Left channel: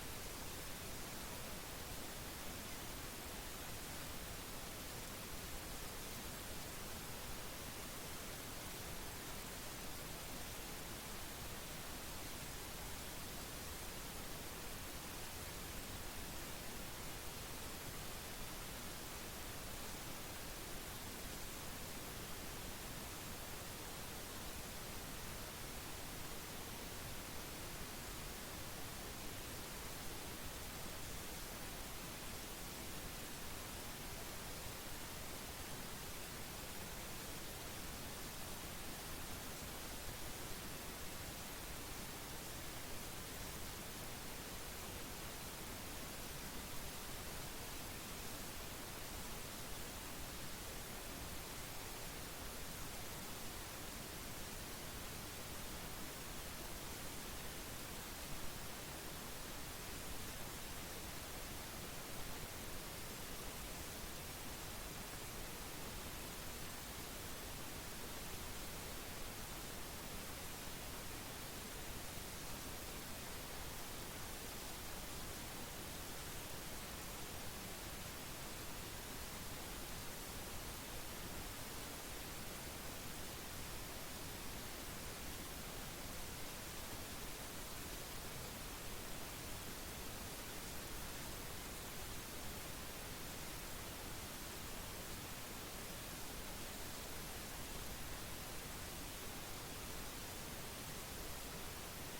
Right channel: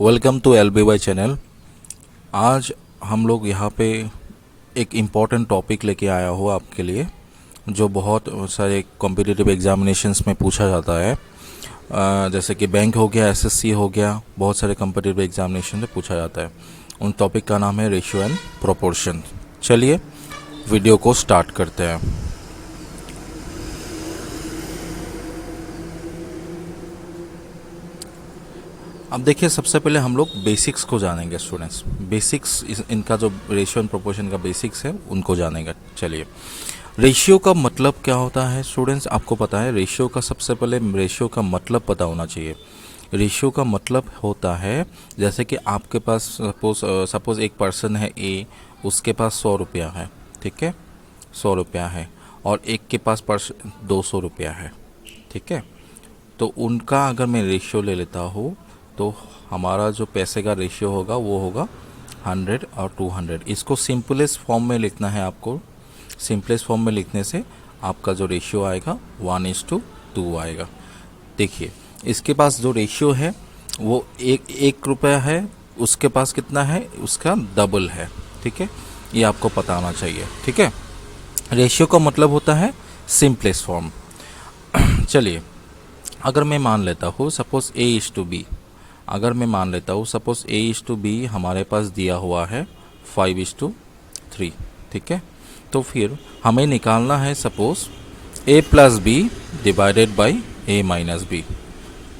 Welcome to LBY channel. आज हम लोग यहाँ पे एक इम्पॉर्टेंट टॉपिक लेके आया हो आपके लिए, जो बहुत सारे कॉम्पिटिटिव एग्जामिनेशंस में पूछा जाता है। जैसे कि बैंक हो गया, SSC हो गया, बहुत सारे कॉम्पिटिटिव एग्जामिनेशन में पूछा जाता है। उन टॉपिक का नाम है रेशियो एंड प्रोपोर्शन। चलिए वीडियो को स्टार्ट करते हैं। अब देखिए, सबसे पहले हम लोग बेसिक्स को जानेंगे स्टूडेंट्स। बेसिक्स इनका जो रेशियो एंड प्रोपोर्शन का बेसिक्स है उनको जानेंगे। चलिए, रेशियो का मतलब क्या होता है स्टूडेंट्स, आपको पता है? रेशियो का सबसे पहले रेशियो का मतलब पता होना चाहिए। रेशियो का मतलब होता है, जैसे कि आपके पास सपोज एक पर्सन है ए, उसके पास 100 रुपया है, ठीक है, 100 रुपया है, और एक के पास 200 रुपया है, ठीक है। तो उनका अगर मैं रेशियो ले लेता हूँ तो हमारा जो पैसे का रेशियो होगा वो होगा 100 और 200। इसको सिंपलेस्ट फॉर्म में लिखना है आपको। सिंपलेस्ट फॉर्म में लिखने से आपका जो रेशियो आएगा 1:2 आएगा। देखिए, इसके पास जो रेशियो है वो एक रुपया है, उसके पास कितना है, उसका डबल है, ठीक है। ये आपको पता होना चाहिए, ठीक है। रेशियो का मतलब होता है सिंपलेस्ट फॉर्म। चलिए, अगर मैं मान लेता हूँ सपोज A:B, अगर मैं मान लेता हूँ सपोज A:B हमारे पास दिया हुआ है 5:3, ठीक है। तो फिर हमें निकालना है suppose A+B divided by A-B,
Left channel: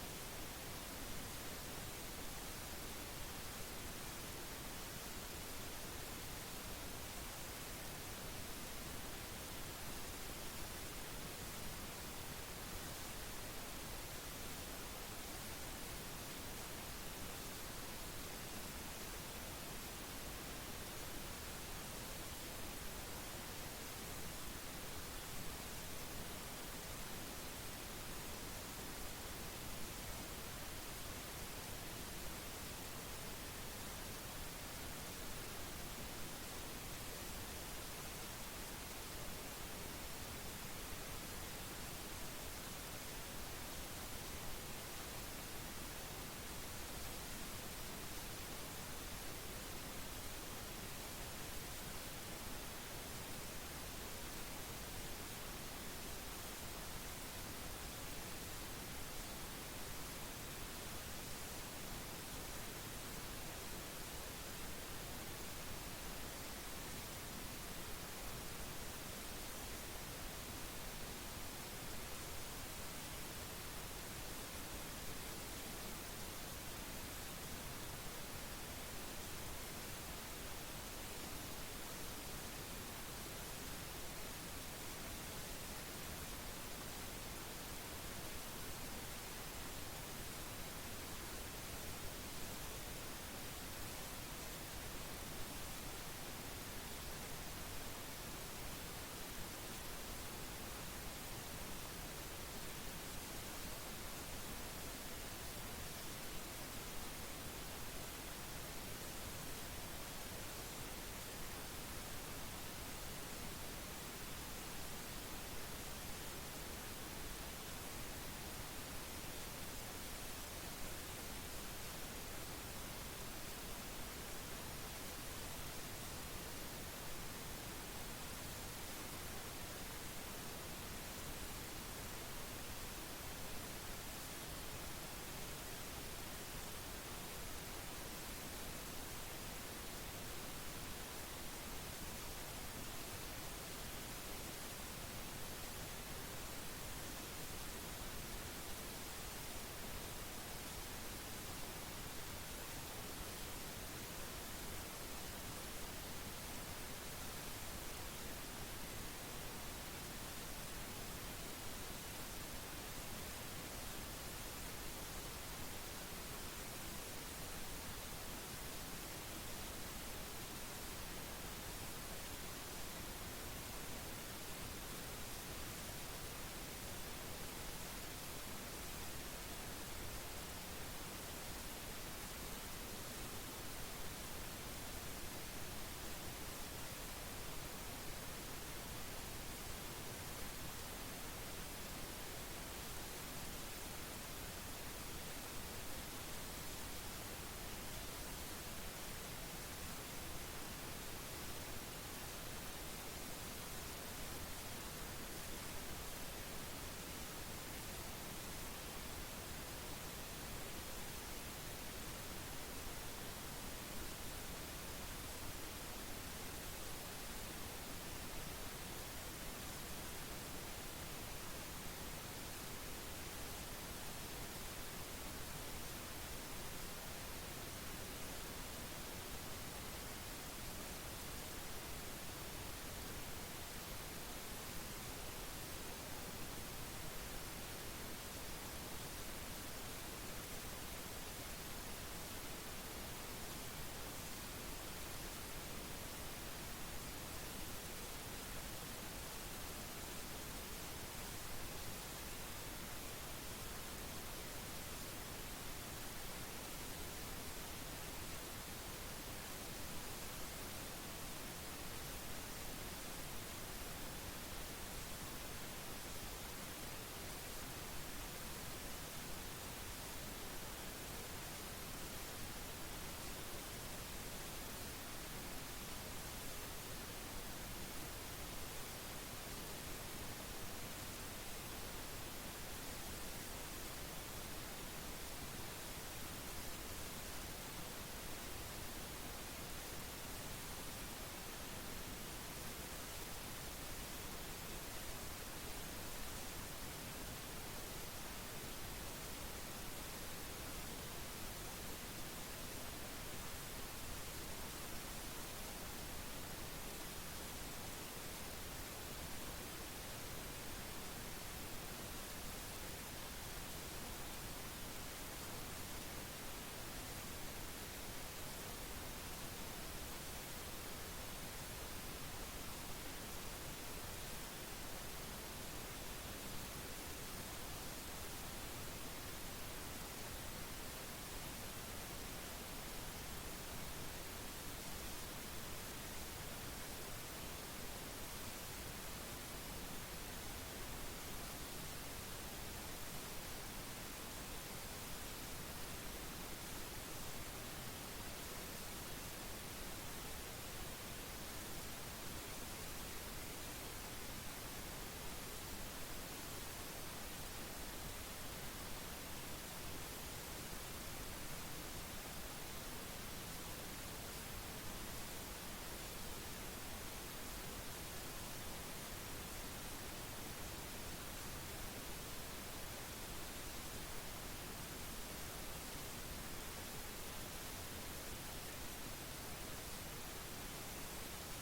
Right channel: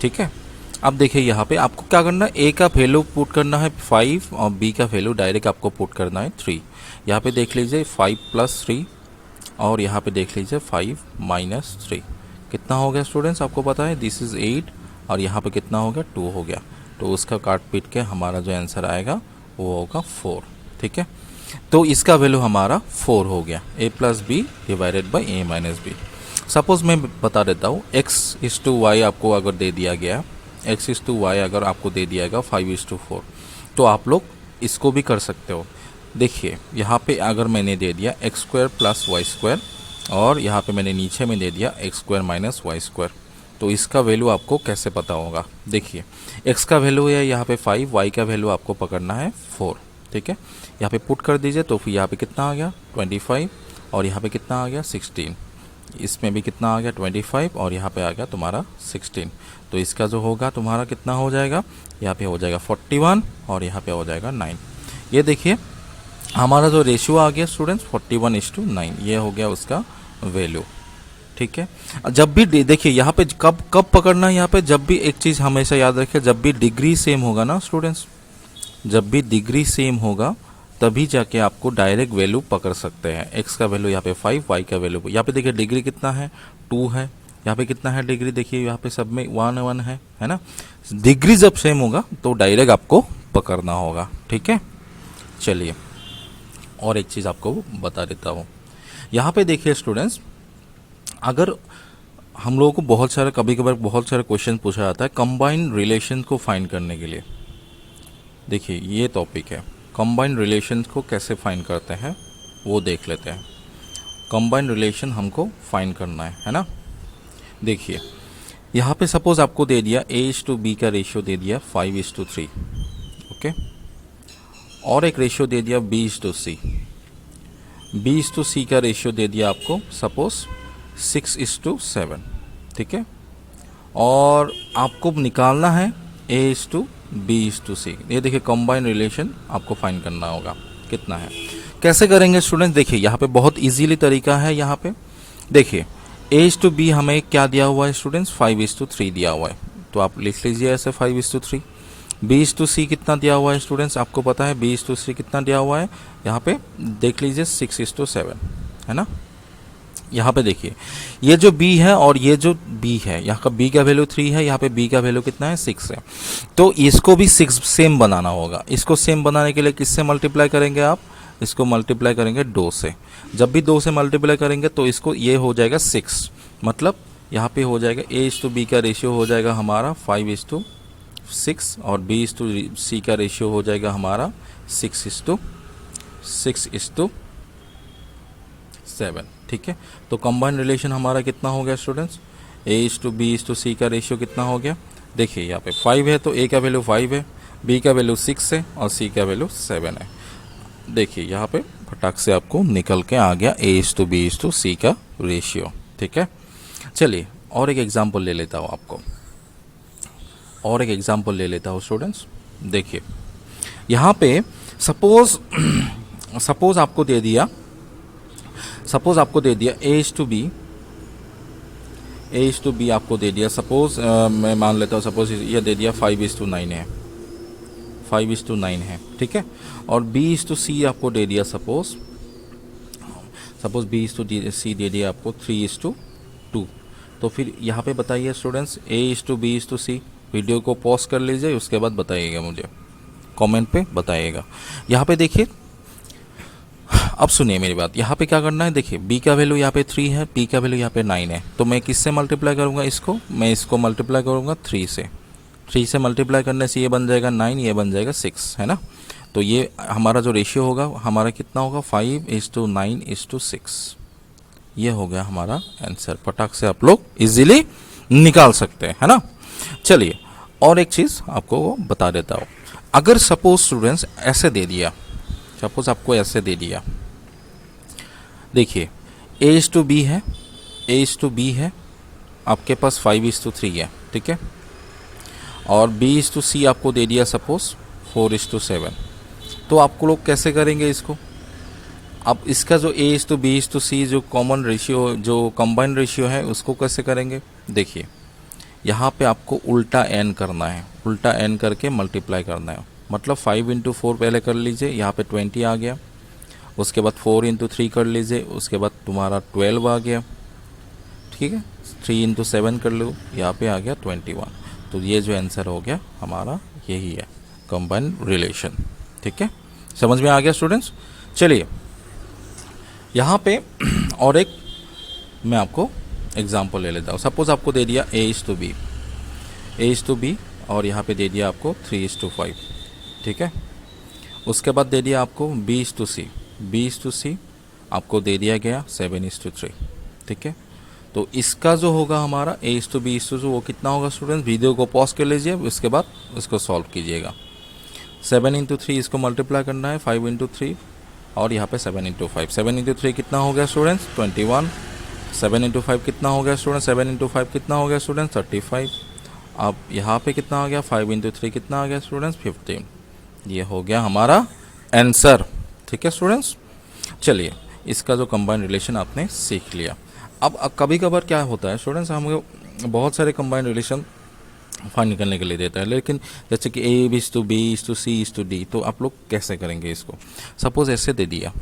ठीक है। अब देखिए, यहाँ पे आपको क्या करना है, A का वैल्यू पुट करना है 5 और B का वैल्यू डायरेक्ट आपको पुट करना है 3। यहाँ पे देख लीजिए 5 + 3 और यहाँ पे देख लीजिए 5 - 3 कितना हो गया स्टूडेंट्स, आपको पता है? दिस इज़ 8 और यहाँ पे कितना हो गया, 2 हो गया। तो उसका काट पीट के हमारा जो आंसर आएगा वो होगा 4, ठीक है। तो इसका वैल्यू हमारा 4 हो गया, A+B divided by A-B। Suppose मैं बता देता हूँ, x:y आपको अगर दे दिया गया, x:y अगर आपको दे दिया गया 5:4, तो आप लोग इसको भी कर सकते हो। देखिए, यहाँ पे अगर मैंने दे दिया x² + y² और यहाँ पे मैंने नीचे में दे दिया x² - y², तो इसका वैल्यू आपको कैसे पता होगा? देखिए, x का वैल्यू है यहाँ पे 5, y का वैल्यू आपको पकड़ना है 4, ठीक है। यहाँ पे पुट कर दीजिए, तो फिर यहाँ पे कितना आ गया 25 और यहाँ पे कितना आ गया 16। इसमें भी कितना आ गया 25 और यहाँ पे आ गया तुम्हारा 16। तो इसका जो होगा तुम्हारा कितना हो जाएगा, यहाँ पे हो जाएगा 41 और यहाँ पे हो जाएगा 9। ये देखिए, हमारा जो रेशियो आ गया स्टूडेंट्स 41:9, ये हो गया उसका वैल्यू, ठीक है। जब भी देखिए, यहाँ पे कब कब पकड़ना है, यहाँ पे जब भी एक चीज़ हमेशा याद रखिए, जब भी डिग्री सेम होगा ना स्टूडेंट्स, जब भी डिग्री सेम होगा तभी जाके आपको डायरेक्ट वैल्यू पकड़ सकते हैं। एक्स का वैल्यू यहाँ पे 5, वाई का वैल्यू, यहाँ पे देखिए डिग्री कितना है 2 है, यहाँ पे कितना है डिग्री, देखिए यहाँ पे सब में 1 है ना। डिग्री जब सेम होगा तो डायरेक्ट आपको पकड़ना होगा, ठीक है। चलिए, और एक चीज़ आपको बता देता हूँ। यहाँ पे देखिए स्टूडेंट्स, अगर हम लोगों को बहुत सारे कभी कभार बहुत सारे क्वेश्चन पूछा जाता है कंबाइंड रिलेशन को फाइंड करने के लिए। देखिए, ये टॉपिक है, कंबाइंड रिलेशन को कैसे फाइंड करते हैं वो देख लेते हैं। कंबाइंड रिलेशन हमको फाइंड करना है ना। देखिए, यहाँ पे सपोज आपको दे दिया A:B का रेशियो दे दिया 5:3, ओके, और एक रेशियो दे दिया B:C। B:C का रेशियो दे दिया आपको सपोज 6:7, ठीक है। और आपको निकालना है A:B:C। ये देखिए, कंबाइंड रिलेशन आपको फाइंड करना होगा कितना है। कैसे करेंगे स्टूडेंट्स? देखिए, यहाँ पे बहुत इजीली तरीका है। यहाँ पे देखिए, A:B हमें क्या दिया हुआ है स्टूडेंट्स, 5:3 दिया हुआ है, तो आप लिख लीजिए ऐसे 5:3। B:C कितना दिया हुआ है स्टूडेंट्स, आपको पता है B:C कितना दिया हुआ है, यहाँ पे देख लीजिए 6:7, है ना। यहाँ पे देखिए, ये जो B है और ये जो B है, यहाँ का B का वैल्यू 3 है, यहाँ पे B का वैल्यू कितना है 6 है। तो इसको भी 6 सेम बनाना होगा। इसको सेम बनाने के लिए किससे मल्टीप्लाई करेंगे आप, इसको मल्टीप्लाई करेंगे 2 से। जब भी 2 से मल्टीप्लाई करेंगे तो इसको ये हो जाएगा 6, मतलब यहाँ पे हो जाएगा A:B का रेशियो हो जाएगा हमारा 5:6 और B:C का रेशियो हो जाएगा हमारा 6:7, ठीक है। तो कंबाइंड रिलेशन हमारा कितना हो गया स्टूडेंट्स, A:B:C का रेशियो कितना हो गया। देखिए, यहाँ पे 5 है तो A का वैल्यू 5 है बी का वैल्यू 6 है और सी का वैल्यू 7 है। देखिए यहाँ पे फटाक से आपको निकल के आ गया A:B:C का रेशियो। ठीक है, चलिए और एक एग्जांपल ले लेता हूँ आपको, और एक एग्जांपल ले लेता हूँ स्टूडेंट्स। देखिए यहाँ पे सपोज सपोज आपको दे दिया, A:B आपको दे दिया। सपोज मैं मान लेता हूँ, सपोज ये दे दिया 5:9 है, 5:9 है। ठीक है, और B:C आपको दे दिया, सपोज B:C दे दिया आपको 3:2। तो फिर यहाँ पे बताइए स्टूडेंट्स, A:B:C। वीडियो को पॉज कर लीजिए, उसके बाद बताइएगा, मुझे कमेंट पे बताइएगा। यहाँ पे देखिए, अब सुनिए मेरी बात, यहाँ पे क्या करना है। देखिए b का वैल्यू यहाँ पे 3 है, p का वैल्यू यहाँ पे 9 है। तो मैं किससे मल्टीप्लाई करूँगा इसको, मैं इसको मल्टीप्लाई करूँगा 3 से। 3 से मल्टीप्लाई करने से ये बन जाएगा 9, ये बन जाएगा 6, है ना। तो ये हमारा जो रेशियो होगा हमारा कितना होगा, 5:9:6। ये हो गया हमारा आंसर। फटाक से आप लोग इजीली निकाल सकते हैं, है ना। चलिए और एक चीज़ आपको बता देता हूँ। अगर सपोज स्टूडेंट्स ऐसे दे दिया, सपोज आपको ऐसे दे दिया, देखिए A:B है, A:B है, आपके पास 5:3 है। ठीक है, और B:C आपको दे दिया सपोज 4:7। तो आपको लोग कैसे करेंगे इसको। अब इसका जो A:B:C जो कॉमन रेशियो, जो कंबाइंड रेशियो है, उसको कैसे करेंगे। देखिए यहाँ पे आपको उल्टा n करना है, उल्टा n करके मल्टीप्लाई करना है। मतलब 5 × 4 पहले कर लीजिए, यहाँ पे 20 आ गया। उसके बाद 4 × 3 कर लीजिए, उसके बाद तुम्हारा 12 आ गया। ठीक है, 3 × 7 कर लो, यहाँ पे आ गया 21। तो ये जो आंसर हो गया हमारा यही है, कंबाइंड रिलेशन। ठीक है, समझ में आ गया स्टूडेंट्स। चलिए यहाँ पे और एक मैं आपको एग्जांपल ले लेता हूँ। सपोज आपको दे दिया A:B और यहाँ पे दे दिया आपको 3:5। ठीक है, उसके बाद दे दिया आपको B:C आपको दे दिया गया 7:3। ठीक है, तो इसका जो होगा हमारा A:B वो कितना होगा स्टूडेंट्स। वीडियो को पॉज कर लीजिए, उसके बाद इसको सॉल्व कीजिएगा। 7 × 3 इसको मल्टीप्लाई करना है, 5 × 3 और यहाँ पे 7 × 5। 7 × 3 कितना हो गया स्टूडेंट्स, 21। 7 × 5 कितना हो गया स्टूडेंट्स, 7 × 5 कितना हो गया स्टूडेंट्स, 35। अब यहाँ पे कितना आ गया, 5 × 3 कितना आ गया स्टूडेंट्स, 15। ये हो गया हमारा आंसर। ठीक है स्टूडेंट्स, चलिए इसका जो कंबाइंड रिलेशन आपने सीख लिया। अब कभी कभार क्या होता है स्टूडेंट्स, हम बहुत सारे कंबाइंड रिलेशन फाइंड करने के लिए देता है, लेकिन जैसे कि A:B:C:D, तो आप लोग कैसे करेंगे इसको। सपोज ऐसे दे दिया,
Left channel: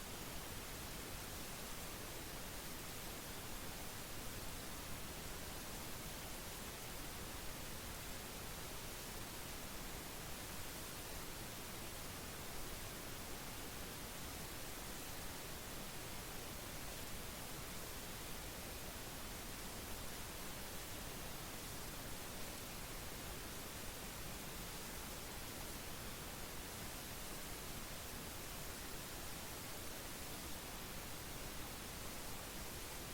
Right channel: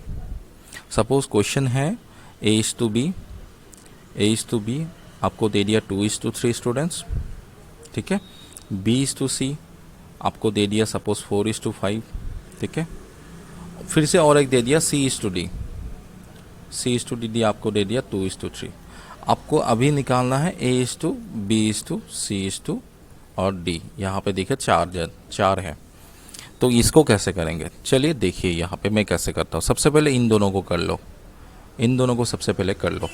सपोज क्वेश्चन है A:B आपको दे दिया 2:3 स्टूडेंट्स। ठीक है, B:C आपको दे दिया सपोज 4:5। ठीक है, फिर से और एक दे दिया C:D आपको दे दिया 2:3। आपको अभी निकालना है A:B:C और D। यहाँ पे देखिए 4 है, तो इसको कैसे करेंगे। चलिए देखिए यहाँ पे मैं कैसे करता हूँ। सबसे पहले इन दोनों को कर लो, इन दोनों को सबसे पहले कर लो।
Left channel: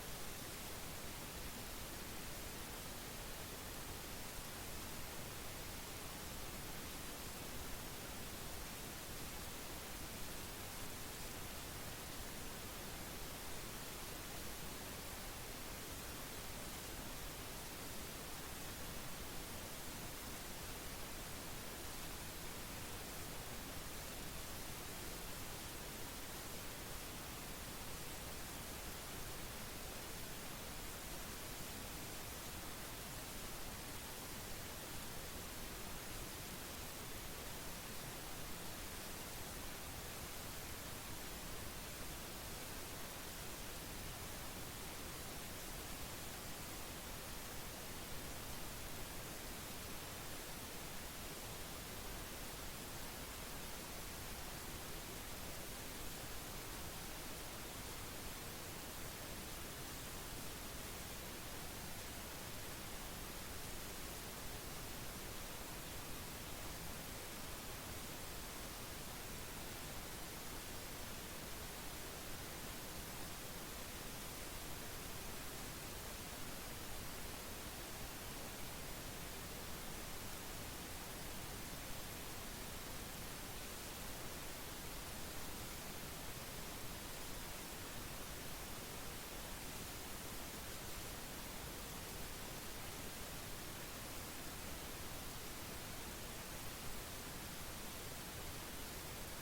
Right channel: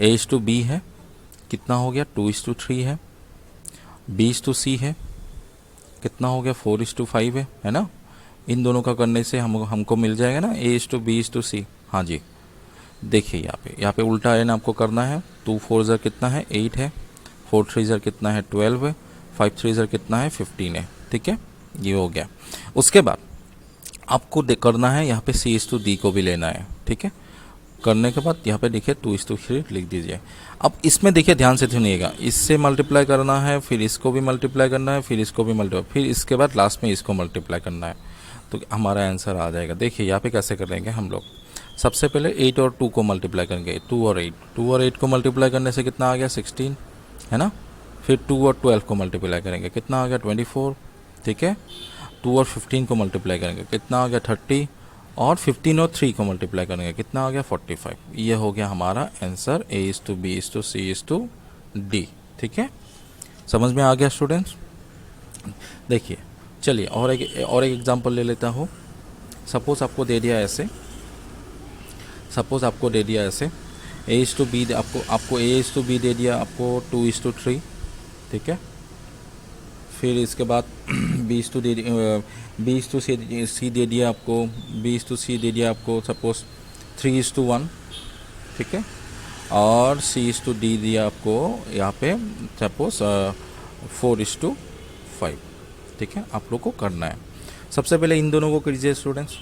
A:B है, कितना हो गया 2:3 है। B:C है, कितना हो गया 4:5 है ना। इन दोनों का करने से हमको मिल जाएगा ना A:B:C। हाँ जी, देखिए यहाँ पे उल्टा n आपको करना है। 2 4 ज़र कितना है 8 है, 4 3 ज़र कितना है 12 है, 5 3 ज़र कितना है 15 है। ठीक है, ये हो गया। उसके बाद आपको करना है यहाँ पे C:D को भी लेना है। ठीक है, करने के बाद यहाँ पे देखिए 2:3 लिख दीजिए। अब इसमें देखिए ध्यान से सुनिएगा, इससे मल्टीप्लाई करना है, फिर इसको भी मल्टीप्लाई करना है, फिर इसको भी मल्टीप्लाई, फिर इसके बाद लास्ट में इसको मल्टीप्लाई करना है, तो हमारा आंसर आ जाएगा। देखिए यहाँ पे कैसे करेंगे हम लोग। सबसे पहले 8 और 2 को मल्टीप्लाई करेंगे, 2 और 8 को मल्टीप्लाई करने से कितना आ गया 16, है ना। फिर 2 और 12 को मल्टीप्लाई करेंगे, कितना आ गया 24। ठीक है, 2 और 15 को मल्टीप्लाई करेंगे, कितना आ गया 30। और 15 और 3 को मल्टीप्लाई करेंगे, कितना आ गया 45। ये हो गया हमारा आंसर A:B:C:D। ठीक है, समझ में आ गया स्टूडेंट्स। देखिए चलिए और एक एग्जांपल ले लेता हूँ। सपोज आपको दे दिया ऐसे, A:B आपको A:B दे दिया आपको 2:3। ठीक है, फिर इसके बाद सी दे दिया आपको, B/C दे दिया आपको सपोज 3:1, ठीक है, और C/D दिया आपको यहाँ पे सपोज 4:5, ठीक है। आप लोग को करना है, सबसे पहले इन दोनों को कीजिए स्टूडेंट्स।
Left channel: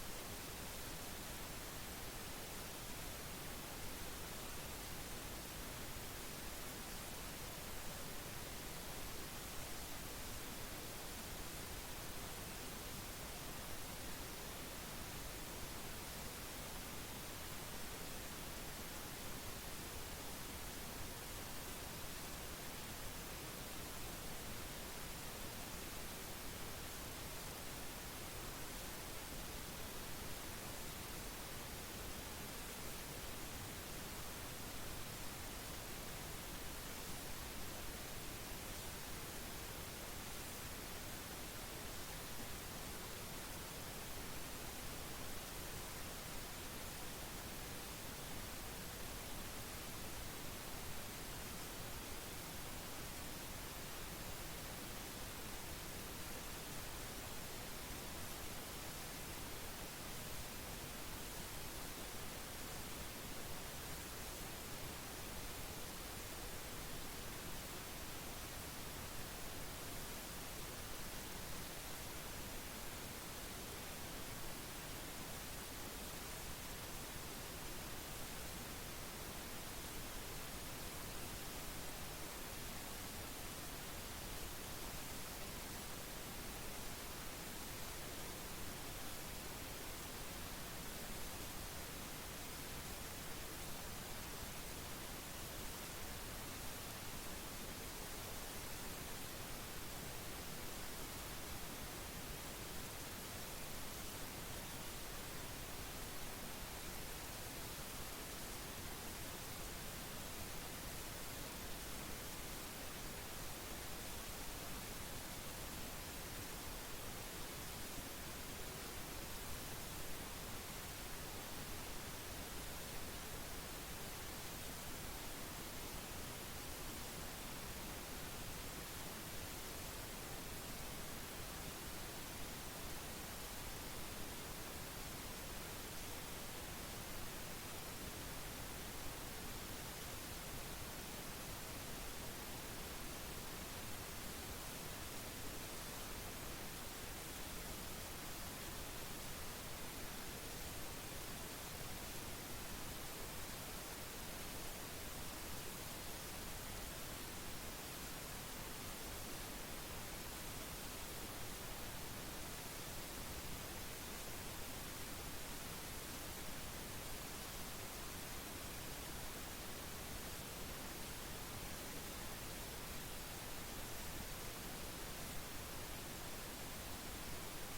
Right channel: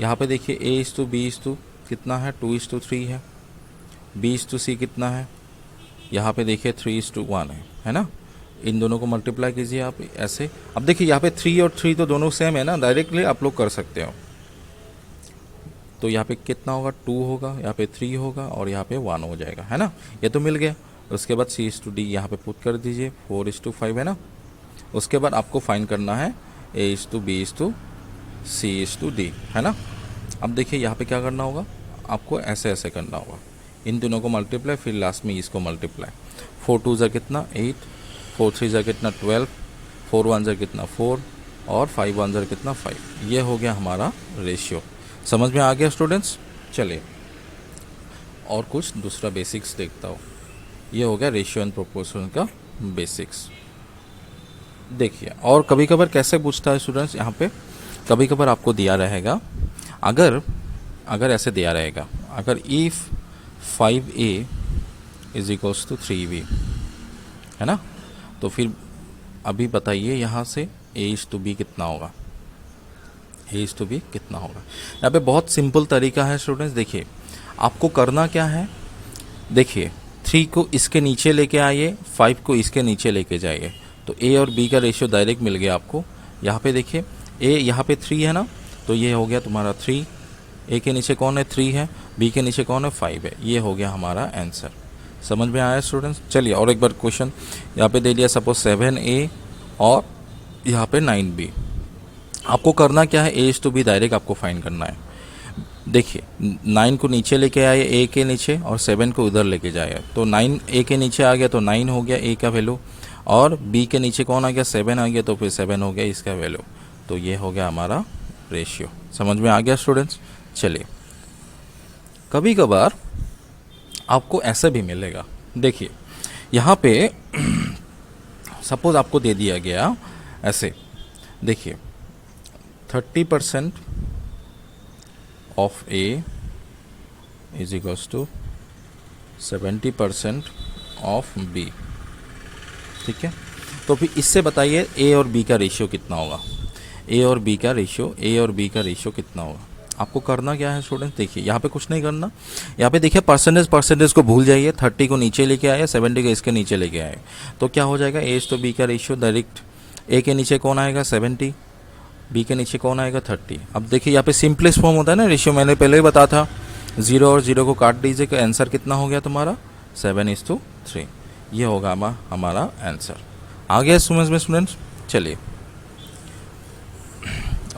यहाँ पे देखिए A/B कितना है, 2:3 है। B/C कितना है, यहाँ पे देखिए 3:1 है ना। इन दोनों को मल्टीप्लाई कीजिए आप ऐसे। अब देखिए यहाँ पे 3 और 3 तो दोनों सेम है ना, डायरेक्टली आप लोग कर सकते हो। तो यहाँ पे कितना होगा, 2 होगा, यहाँ पे 3 होगा और यहाँ पे 1 हो जाएगा, है ना। ये तो मिल गया। उसके बाद C/D यहाँ पे पुट कर दीजिए, 4:5 है ना। उसके बाद आपको फाइंड करना है A/B/C/D, है ना। अब देखिए यहाँ पे क्या करना होगा, आपको ऐसे ऐसे करना होगा, इन दोनों को मल्टीप्लाई, फिर लास्ट में इसको मल्टीप्लाई। 4 2 कितना 8, 4 3 कितना 12, 4 1 कितना 4 और 5 1 कितना 5। ये हो गया हमारा रेशियो। समझ में आ गया स्टूडेंट्स। चलिए और कुछ दूसरा बेसिक्स देखता हूँ। ये हो गया रेशियो एंड प्रोपोर्शन का बेसिक्स। देखिए और कभी कभार कैसे पूछता है स्टूडेंट्स, यहाँ पे कभी कभार आपको दिया रहेगा, अगर ऐसे दिया रहेगा, अगर इफ़ 5A = 3B, है ना। तो फिर अभी बताइए यहाँ से A/B कितना होगा, A/B कितना होगा। यहाँ पे बहुत सिंपल तरीका है स्टूडेंट्स। देखिए आपको करना क्या है, देखिए 3 को इसके नीचे लेके आइए, 5 को इसके नीचे लेके जाइए, तो A और B का रेशियो डायरेक्ट मिल गया आपको। यहाँ पे देखिए A यहाँ पे 3 है ना, तो ये हो गया तुम्हारा 3। A के नीचे कौन है, 3 है, B के नीचे कौन है, 5 है। ये हो गया हमारा आंसर। समझ में आया स्टूडेंट्स। चलिए और एक बार क्वेश्चन यहाँ पे दे दिया, सपोज 7A और यहाँ पे 9B। आपको करना क्या है, A/B डायरेक्ट आपको फाइंड करना है। देखिए 9 को नीचे लेके आए A के नीचे और 7 को उधर लेके जाए, तो 9 A के नीचे आ गया तो 9 हो गया A का वैल्यू, और B के नीचे कौन आ गया, 7 आ गया, तो फिर 7 हो गया इसका वैल्यू। तो ये हो गया हमारा रेशियो। समझ में आ गया स्टूडेंट्स। चलिए कभी कभार आपको ऐसा भी मिलेगा, देखिए यहाँ पे सपोज आपको दे दिया गया ऐसे, देखिए 30% ऑफ A = 70% ऑफ B, ठीक है। तो फिर इससे बताइए A और B का रेशियो कितना होगा, A और B का रेशियो कितना होगा। आपको करना क्या है स्टूडेंट, देखिए यहाँ पे कुछ नहीं करना, यहाँ पे देखिए परसेंटेज को भूल जाइए, 30 को नीचे लेके आए, 70 को इसके नीचे लेके आए, तो क्या हो जाएगा, A/B का रेशियो डायरेक्ट A के नीचे कौन आएगा, 70, B के नीचे कौन आएगा, 30। अब देखिए यहाँ पे सिंपलेस्ट फॉर्म होता है ना रेशियो, मैंने पहले ही बताया था, 0 और 0 को काट दीजिए, तो आंसर कितना हो गया तुम्हारा, 7:3। ये होगा हमारा आंसर। आ गया समझ में स्टूडेंट्स। चलिए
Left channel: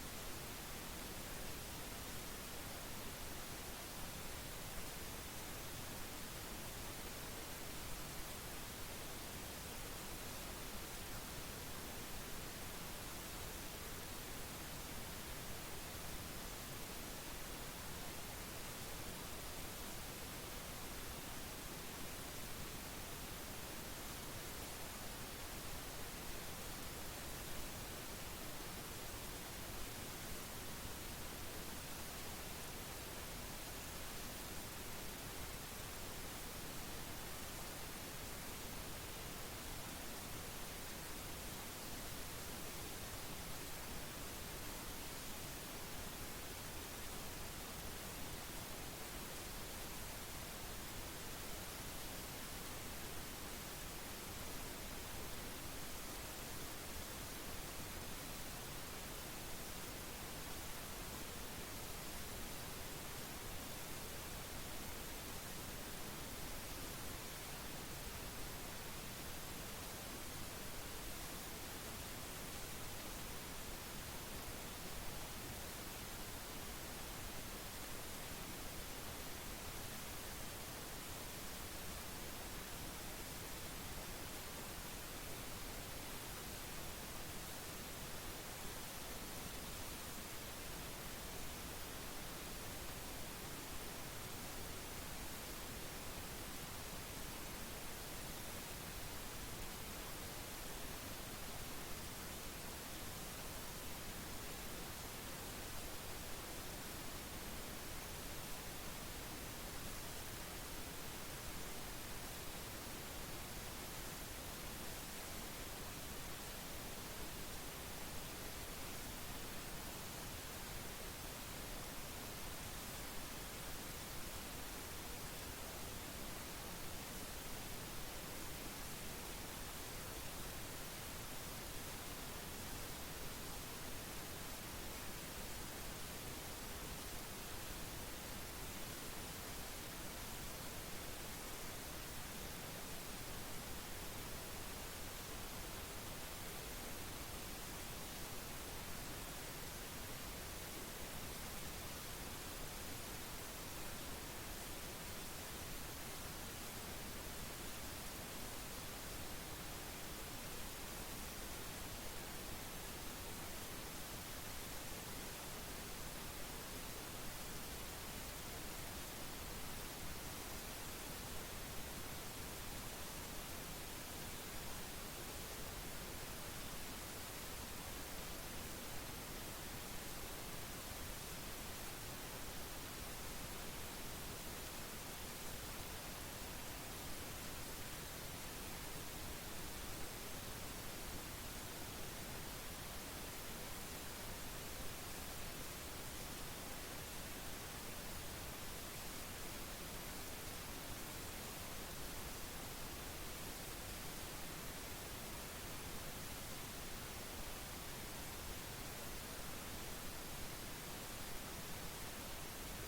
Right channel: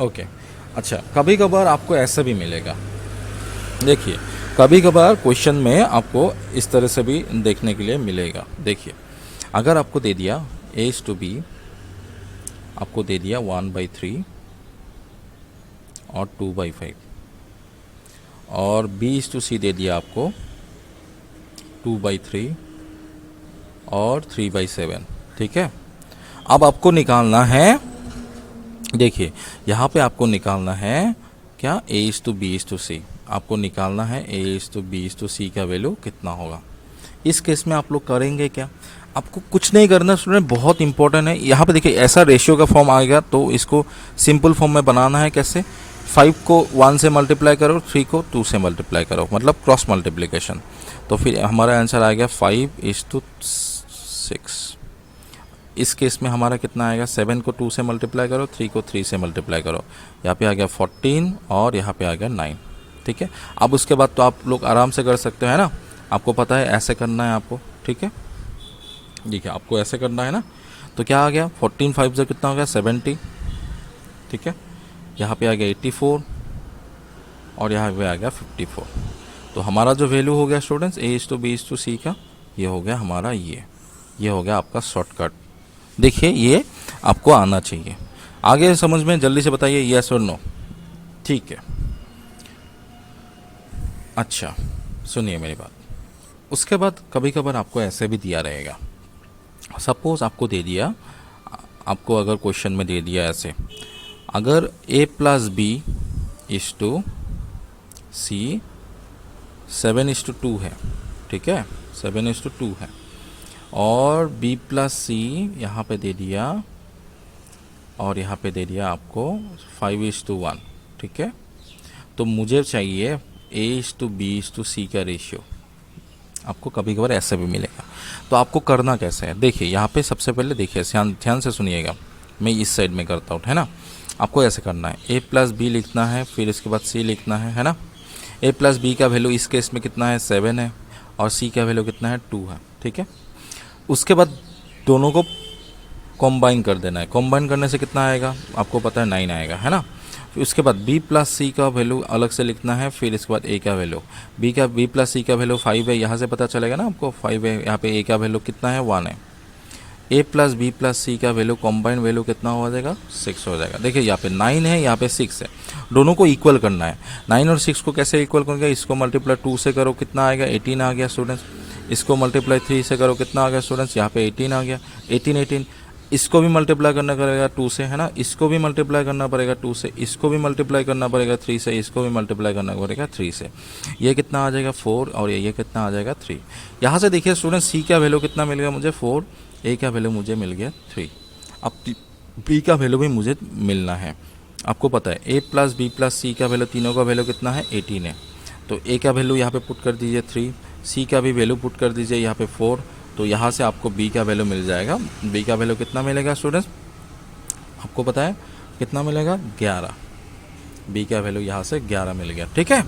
ओके। अच्छा कभी कभार आपको ऐसा भी मिलेगा, देखिए कभी कभार क्वेश्चन में आपको इस तरह से भी देखने के लिए मिलेगा। देखिए अगर आपको दे दिया A/B, आपको दे दिया 1/3 और 2/5, और B/C दे दिया आपको 2/3 और 3/7, ठीक है। अब आपको निकालना है, देखिए यहाँ पे आपको निकालना है क्या, A/B/C, आपको निकालना है A/B/C का वैल्यू कितना होगा। इस केस में आप लोग करेंगे क्या, आपको कुछ नहीं करना स्टूडेंट, बहुत इंपॉर्टेंट है। यहाँ पे देखिए ऐसा रेशियो का फॉर्म आएगा, तो इसको सिंपल फॉर्म में बनाना है। कैसे, 5 को 1 से मल्टीप्लाई करो, 3 को 2 से मल्टीप्लाई करो, मतलब क्रॉस मल्टीप्लिकेशन। तो फिर हमारा आंसर आ गया 5:6। इस केस में हमारा कितना आएगा, 7 को 2 से मल्टीप्लाई करो, 3 को 3 से मल्टीप्लाई करो, यहाँ पे आ गया 14 और यहाँ पे आ गया 9, ठीक है। अब उसके बाद तो आप लोग आराम से कर सकते हो, है ना, आपको पता है ऐसे करना है आपको, ठीक है। देखिए आपको ऐसे करना है ना, तो क्या आ गया, 14 5 से कितना हो गया, 70, ठीक है। यहाँ पे आ गया 84 और यहाँ पे आ गया 54। तो हमारा जो वैल्यू हो गया स्टूडेंट्स A/B/C का, ये हो गया हमारा, ये हो गया आपका शॉर्टकट। देखिए ये आपको आना चाहिए। आगे समझ में जल्दी से बताइए, यस और नो, ठीक है। अच्छा सुनिए मेरी बात, उसके बाद कभी कभार आपको ऐसे भी दिया रहेगा, सपोज आपको दे दिया आपको अगर क्वेश्चन में दे दिया ऐसे, अगर a plus B is to C 7:2 है, ठीक है, 7:2 है, और b प्लस सी यहाँ पे दे दिया, और यहाँ पे दे दिया आपको 5:1, ठीक है। तो मुझे चाहिए a:b:c का रेशियो। आपको कभी कभार ऐसा भी मिलेगा। तो आपको करना कैसे है, देखिए यहाँ पे सबसे पहले देखिए, ध्यान से सुनिएगा, मैं इस साइड में करता हूँ, है ना। आपको ऐसे करना है, a प्लस बी लिखना है, फिर इसके बाद c लिखना है ना। a प्लस बी का वैल्यू इस केस में कितना है, 7 है, और c का वैल्यू कितना है, 2 है, ठीक है। उसके बाद दोनों को कॉम्बाइन कर देना है। कॉम्बाइन करने से कितना आएगा, आपको पता है 9 आएगा, है ना। फिर उसके बाद b प्लस सी का वैल्यू अलग से लिखना है, फिर इसके बाद a का वैल्यू, b प्लस सी का वैल्यू 5 है, यहाँ से पता चलेगा ना आपको 5 है, यहाँ पे a का वैल्यू कितना है, 1 है। a प्लस बी प्लस सी का वैल्यू कॉम्बाइन वैल्यू कितना हो जाएगा, 6 हो जाएगा। देखिए यहाँ पे 9 है, यहाँ पे 6 है, दोनों को इक्वल करना है। 9 और 6 को कैसे इक्वल करोगे, इसको मल्टीप्लाई 2 से करो, कितना आएगा, 18 आ गया स्टूडेंट्स। इसको मल्टीप्लाई 3 से करो, कितना आ गया स्टूडेंट्स, यहाँ पे 18 आ गया, 18। इसको भी मल्टीप्लाई करना पड़ेगा 2 से, है ना। इसको भी मल्टीप्लाई करना पड़ेगा 2 से, इसको भी मल्टीप्लाई करना पड़ेगा 3 से, इसको भी मल्टीप्लाई करना पड़ेगा 3 से। ये कितना आ जाएगा, 4, और ये कितना आ जाएगा, 3। यहाँ से देखिए स्टूडेंट, सी का वैल्यू कितना मिल गया मुझे, 4, ए का वैल्यू मुझे मिल गया 3। अब बी का वैल्यू भी मुझे मिलना है। आपको पता है ए प्लस बी प्लस सी का वैल्यू, तीनों का वैल्यू कितना है, 18 है। तो ए का वैल्यू यहाँ पे पुट कर दीजिए 3, सी का भी वैल्यू पुट कर दीजिए यहाँ पे 4। तो यहाँ से आपको बी का वैल्यू मिल जाएगा। बी का वैल्यू कितना मिलेगा स्टूडेंट्स, आपको पता है कितना मिलेगा, 11। बी का वैल्यू यहाँ से 11 मिल गया, ठीक है।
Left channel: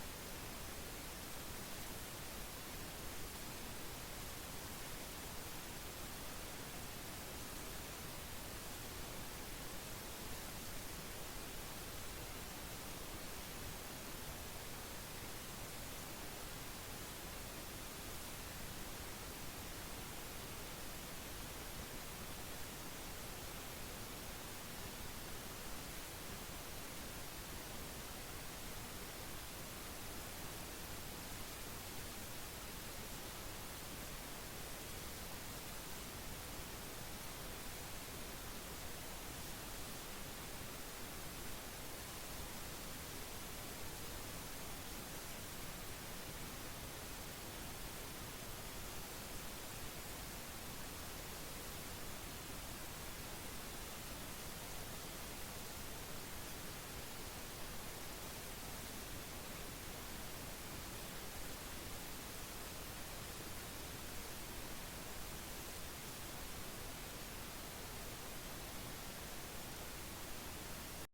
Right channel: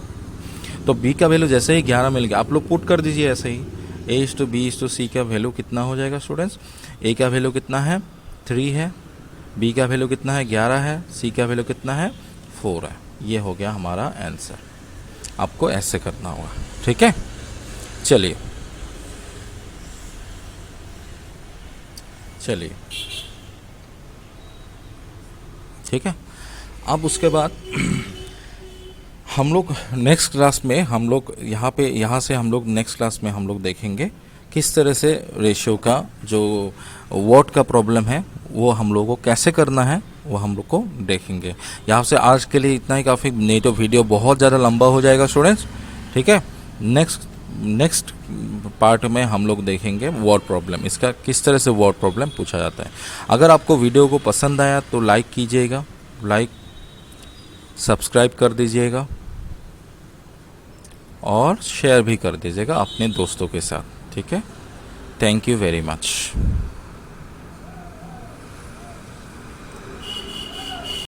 तो बी का वैल्यू जैसे ही 11 मिल गया, आप लोग पुट कर दीजिए ऐसे ही, a:b:c का वैल्यू कितना हो जाएगा स्टूडेंट्स, a का वैल्यू कितना है, 3 है, b का वैल्यू कितना है, 11 है, c का वैल्यू कितना है, 4 है। ये हो गया हमारा आंसर। आपको ऐसे करना होगा, ठीक है। चलिए ठीक है। अब उसके बाद हम लोग नेक्स्ट क्लास में हम लोग यहाँ से हम लोग नेक्स्ट क्लास में हम लोग देखेंगे किस तरह से रेशियो का जो वॉट का प्रॉब्लम है वो हम लोगों को कैसे करना है, वो हम लोग को देखेंगे। यहाँ से आज के लिए इतना ही काफ़ी, नहीं तो वीडियो बहुत ज़्यादा लंबा हो जाएगा स्टूडेंट्स, ठीक है। नेक्स्ट पार्ट में हम लोग देखेंगे वॉट प्रॉब्लम, इसका किस तरह से वॉट प्रॉब्लम पूछा जाता है। अगर आपको वीडियो को पसंद आया तो लाइक कीजिएगा, सब्सक्राइब कर दीजिएगा और शेयर भी कर दीजिएगा अपने दोस्तों के साथ, ठीक है। Thank you very much.